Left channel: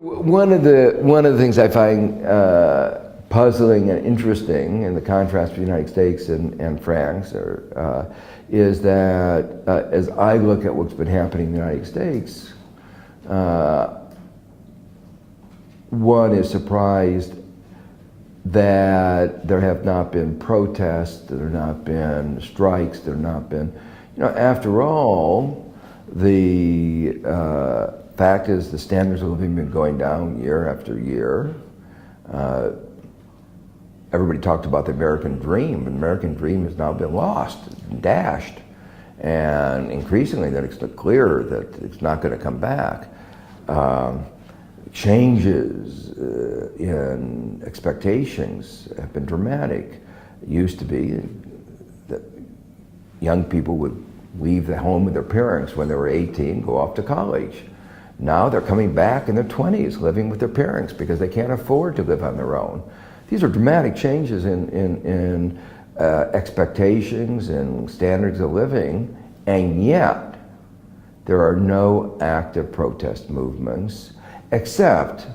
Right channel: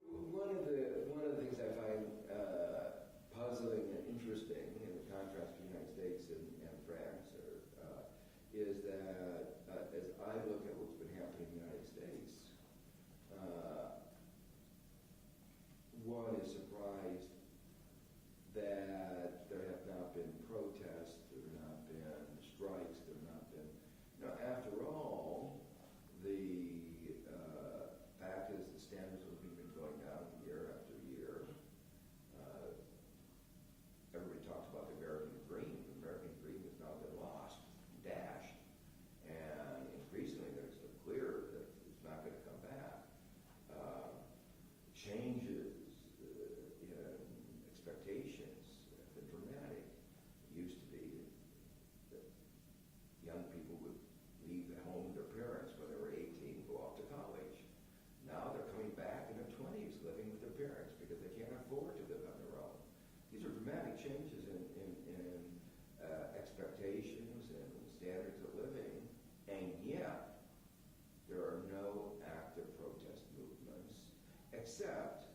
One of the things I find puzzling and interesting in the contrast between the United States and France is that as I look at what's been happening in the United States, one is surprised that there have not been protests, there have not been strikes, there have not been, after all, the fact is the standards of living have been going down year after year. Everybody talked about the American dream, but the American dream has now been lost, dashed. And increasingly that it's clear that it's not going to come back. Changes in expectations have been dramatic. It used to be that young people would leave the home with their parents when they were 18, go off to college. Now they're coming back in their 20s, living with their parents because they can't afford to live on their own. These are dramatic changes in expectations and standards of living, and yet there are no active protest movements except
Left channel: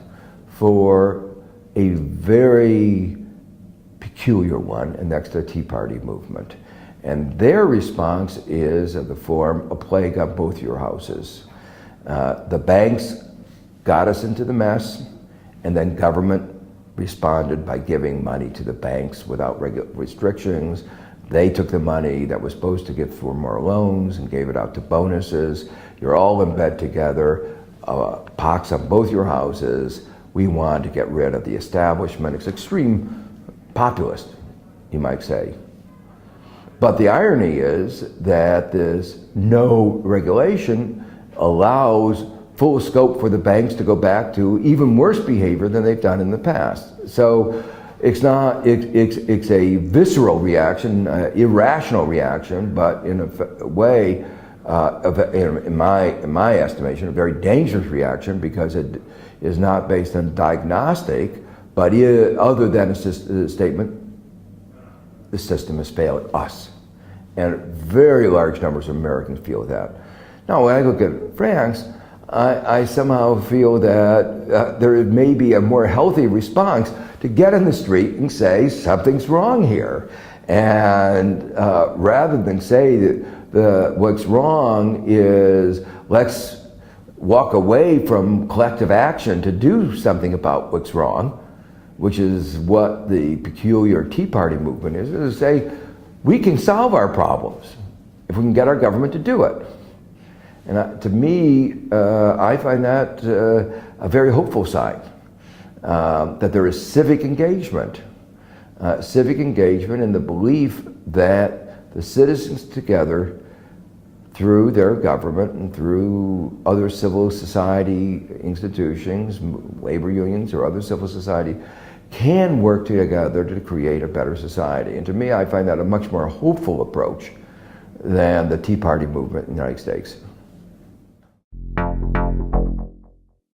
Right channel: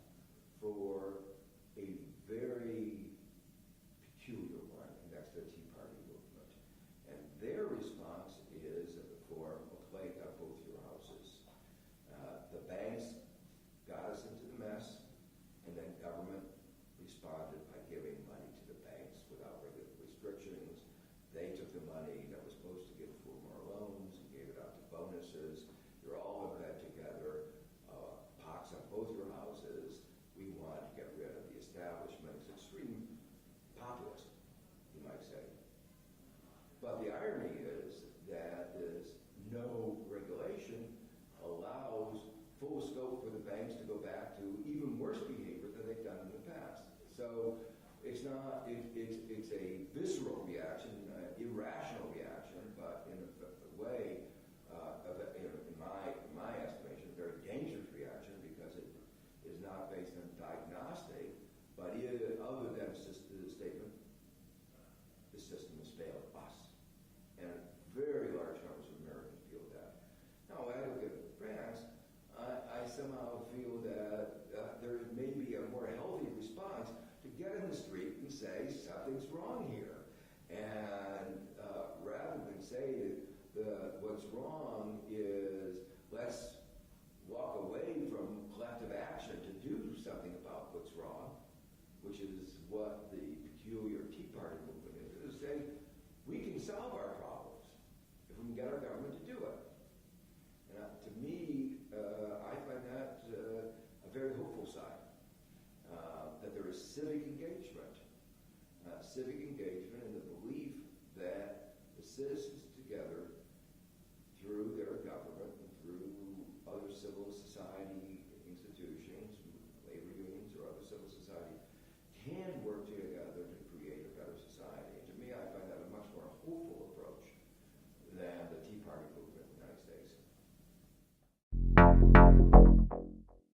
for a very peculiar one, and that's the Tea Party movement. And their response is of the form, a plague on both your houses. The banks got us into the mess, and then government responded by giving money to the banks without restrictions. They took the money that was supposed to give for more loans and gave it out to bonuses. You're all in bed together, pox on both your houses. We want to get rid of the establishment. It's extreme populist, you might say. But the irony is that this no regulation allows full scope for the banks to go back to even worse behavior than they've done in the past. So it's a visceral reaction, irrational reaction, but in a way, in my estimation, a very dangerous reaction because it is not based on diagnostic, but other than a statement, the system has failed us. And very large numbers of Americans feel that. Now, when I look at France, I somehow feel that there may be a more healthy response to get in the street and say something's wrong here. And rather than say that what's wrong is let's walk away from collective action to do something about what's wrong, which is what the peculiar Tea Party movement is to say we can solve our problems if we can get our government to do it. And to me, I find that a very hopeful sign, that there is civic engagement in the belief that the citizens together, through their government and through other civil society institutions, labor unions or other civil society, can work together to create a better society. And to me, I find that a much more hopeful approach than the Tea Party movement in the United States.